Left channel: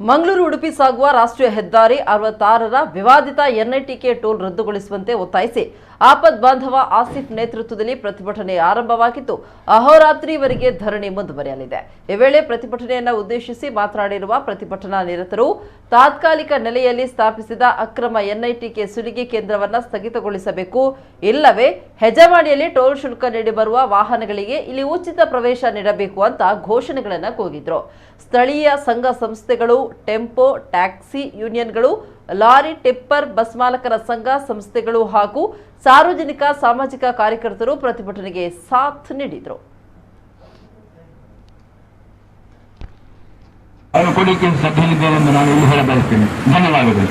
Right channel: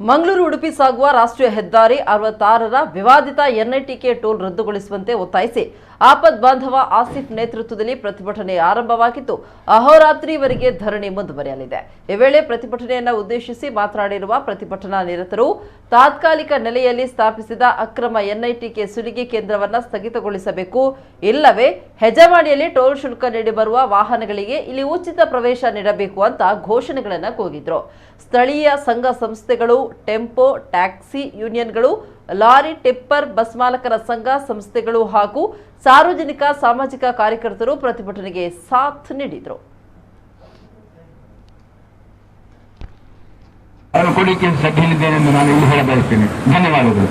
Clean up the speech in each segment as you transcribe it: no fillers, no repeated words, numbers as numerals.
ಮಂಗಳೂರು ಉಡುಪಿ ಸಾಗುವ ರಾಷ್ಟ್ರೀಯ ಹೆದ್ದಾರಿ 66ರ ವಿವಾದಿತ ಎನ್ಐಟಿಕೆ ಟೋಲ್ ರದ್ದುಗೊಳಿಸುವಂತೆ ಒತ್ತಾಯಿಸಿ ಆಪದ್ ಬಾಂಧವ ಆಸಿಫ್ ನೇತೃತ್ವದಲ್ಲಿ ಪ್ರತಿಭಟನೆ ಆರಂಭವಾಗಿದ್ದು ಅಹೋರಾತ್ರಿವರೆಗೆ ಧರಣಿ ಮುಂದುವರಿಯಲಿದೆ। ಈ ವೇಳೆ ಪ್ರತಿಭಟನೆಯನ್ನು ಉದ್ದೇಶಿಸಿ ಮಾತನಾಡಿರುವ ಪ್ರತಿಭಟನಾ ನಿರತರು ತಾತ್ಕಾಲಿಕ ನೆಲೆಯಲ್ಲಿ ಸ್ಥಾಪಿಸಿದ ಅಕ್ರಮ ಎನ್ಐಟಿಕೆ ಸುಲಿಗೆ ಕೇಂದ್ರವನ್ನು ಸ್ಥಗಿತಗೊಳಿಸಬೇಕು, ಇಲ್ಲವೇ ಹೆಜಮಾಡಿಯಲ್ಲಿ ಟೋಲ್ ಶುಲ್ಕ ನೀಡಿ ಬರುವ ವಾಹನಗಳಿಗೆ ಇಲ್ಲಿ ಉಚಿತ ಪ್ರವೇಶ ನೀಡಬೇಕು ಅಂತ ಘೋಷಣೆಗಳನ್ನು ಕೂಗಿದ್ರು। ಸ್ಥಳೀಯ ಸಂಘ ಸಂಸ್ಥೆಗಳು, ಟೆಂಪೋ ಟ್ಯಾಕ್ಸಿ ಯೂನಿಯನ್ಗಳು, ಲಾರಿ ಟಿಪ್ಪರ್ ಬಸ್ ಮಾಲಕರ ಸಂಘ ಸಂಸ್ಥೆಗಳು ಹಾಗೂ ಸಾರ್ವಜನಿಕ ಸಾಮಾಜಿಕ ಕಾರ್ಯಕರ್ತರು ಪ್ರತಿಭಟನೆಗೆ ಸಾಥ್ ನೀಡಿದರು। ಕೊಡಿಕೆ ಸಭೆಯಲ್ಲಿದ್ದೇನೆ ಎಂದು ನಾನು ಇಲ್ಲಿ ಹೇಳಬಯಸ್ತೇನೆ। ಧನ್ಯವಾದಗಳು।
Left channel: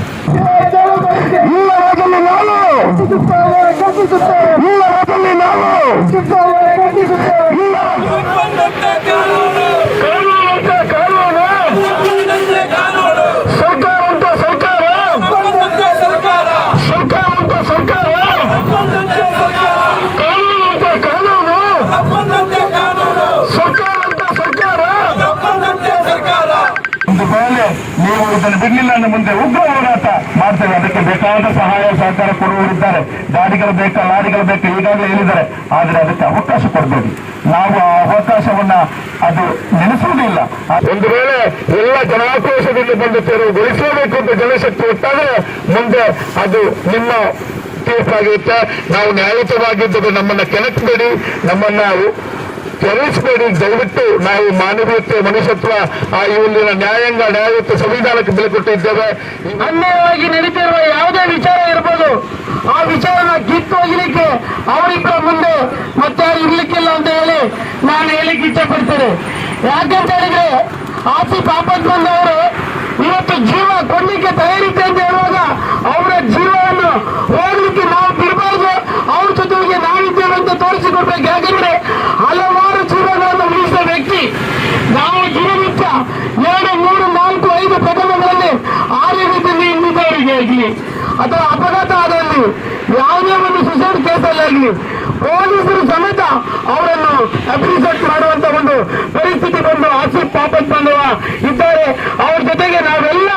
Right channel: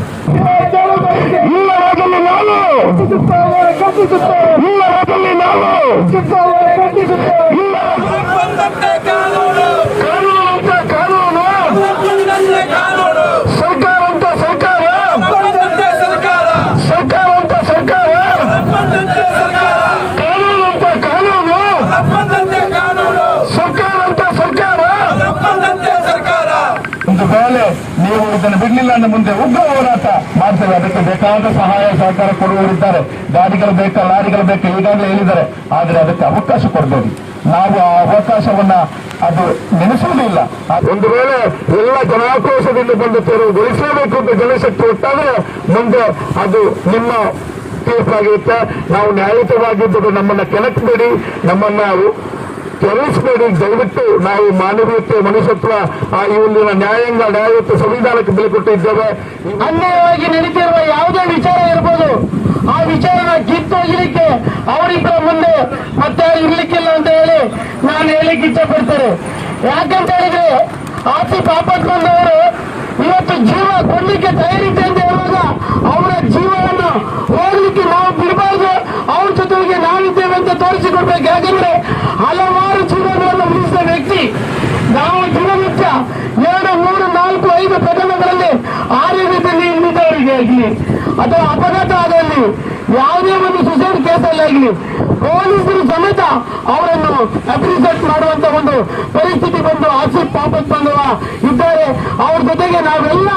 ನೀವು ಇದನ್ನು ಬಿಡಲಿಲ್ಲ ಅಂದ್ರೆ ಮುಂದೆ ಉಗ್ರ ಹೋರಾಟ ಮಾಡ್ತೇವೆ। ಅದಕ್ಕೆ ಬೇಕಾದ ಸಹಾಯ ಸಹಕಾರ ಕೊಡುವವರಿದ್ದಾರೆ, ಗಾಡಿಗಳು ಬೇಕಾ ಲಾರಿಗಳು ಬೇಕಾ ಈಗಾಗಲೇ ಹೇಳಿದ್ದಾರೆ। ಆದರೆ ಅದಕ್ಕೆ ಅವಕಾಶ ಕೊಡಬೇಡಿ, ನಾವು ಆ ಅವಕಾಶವನ್ನ ಅದು ನೆನೆಸುವುದಿಲ್ಲ। ಒಂದು ವೇಳೆ ಎಲ್ಲ ಜನಾಕ್ರೋಶದಿಂದ ಬಂದು ತೆರವುಗೊಳಿಸಬೇಕು ಅಂತ ಜನಶಕ್ತಿ ಒಟ್ಟಾದ್ರೆ ಮುಂದೆ ಅದು ನಿಮ್ಮ ತೀರ್ಪಾಗಿರುತ್ತೆ। ನಾವು ನ್ಯಾಯಯುತವಾಗಿದ್ದರೆ ನಮ್ಮನ್ನ ಕೆಣಕಬೇಡಿ, ನಮ್ಮನ್ನ ಕೆರಳಿಸಬೇಡಿ। ದಯವಿಟ್ಟು ನಾವು ಮಾನವೀಯತೆ, ಮನುಷ್ಯತ್ವ, ಇಲ್ಲಿನ ನ್ಯಾಯಾಂಗ, ನ್ಯಾಯಯುತ ಸಂವಿಧಾನಕ್ಕೆ ಬೆಲೆ ಕೊಟ್ಟಿದ್ದೇವೆ। ಅನ್ಯಾಯವಾಗಿ ನಡೀತಿರುವ ಯಾವುದೇ ವಿಚಾರ ಇರ್ಬೋದು, ಆ ವಿಚಾರನ ಕಿತ್ತೊಯ್ಯಲಿಕ್ಕೆ ಅವರಿಬ್ಬರ ಮುಂದೆ ಮತ್ತೆ ಇರ್ಲಿಕ್ಕಿಲ್ಲ ಅಂತ ಹೇಳಿ ನಾನು ಹೇಳಿಕ್ಕೆ ಇಷ್ಟಪಡ್ತೇನೆ। ಯಾಕಂತ ಹೇಳಿದ್ರೆ ಆಸಿಫ್ ಆಪತ್ ಬಂದವರು ಇವತ್ತು ಜೀವ ಕೊಡ್ಲಿಕ್ಕೆ ತಯಾರಿತೆ ಅಂತ ಹೇಳುವಾಗ ಅವರ ಜೀವವನ್ನು ಹೋಗ್ಲಿಕ್ಕೆ ನಾವು ಬಿಡಬಾರ್ದು, ಅವ್ರ ಜೊತೆಗೆ ನಾವಿದ್ದೇವೆ ಅಂತ ತೋರಿಸಿಕೊಡ್ಬೇಕು। ಯಾಕಂದ್ರೆ ಹಲವಾರು ಜೀವನಗಳನ್ನು ಉಳಿಸಿದ ವ್ಯಕ್ತಿ ನಾವು ದಿನನಿತ್ಯ 2, 3, 4, 5 ಪ್ರಕರಣಗಳಲ್ಲಿ ಆರೋಗ್ಯದಲ್ಲಿ ಇಲ್ಲಿದ್ದವರಿಗೆ ಆಗಲಿ ಅಥವಾ ಅಪಘಾತ ಆದಲ್ಲಿ ಯಾವುದೇ ಒಂದು ಸುಸೈಡ್ ಕೇಸಲ್ಲಿ ಆಗಲಿ ಪೊಲೀಸರು ಸಮೇತ ಅವರನ್ನು ಅಪ್ರಿಸೇಟ್ ಮಾಡುವಂತ ಒಂದು ಪರಿಸ್ಥಿತಿ ಬಂದು ಆಸಿಫ್ ಆಪತ್ ಬಂದವ ಇದ್ದಾರೆ। ಅವ್ರ ಜೊತೆಗೆ ನಾವೆಲ್ಲ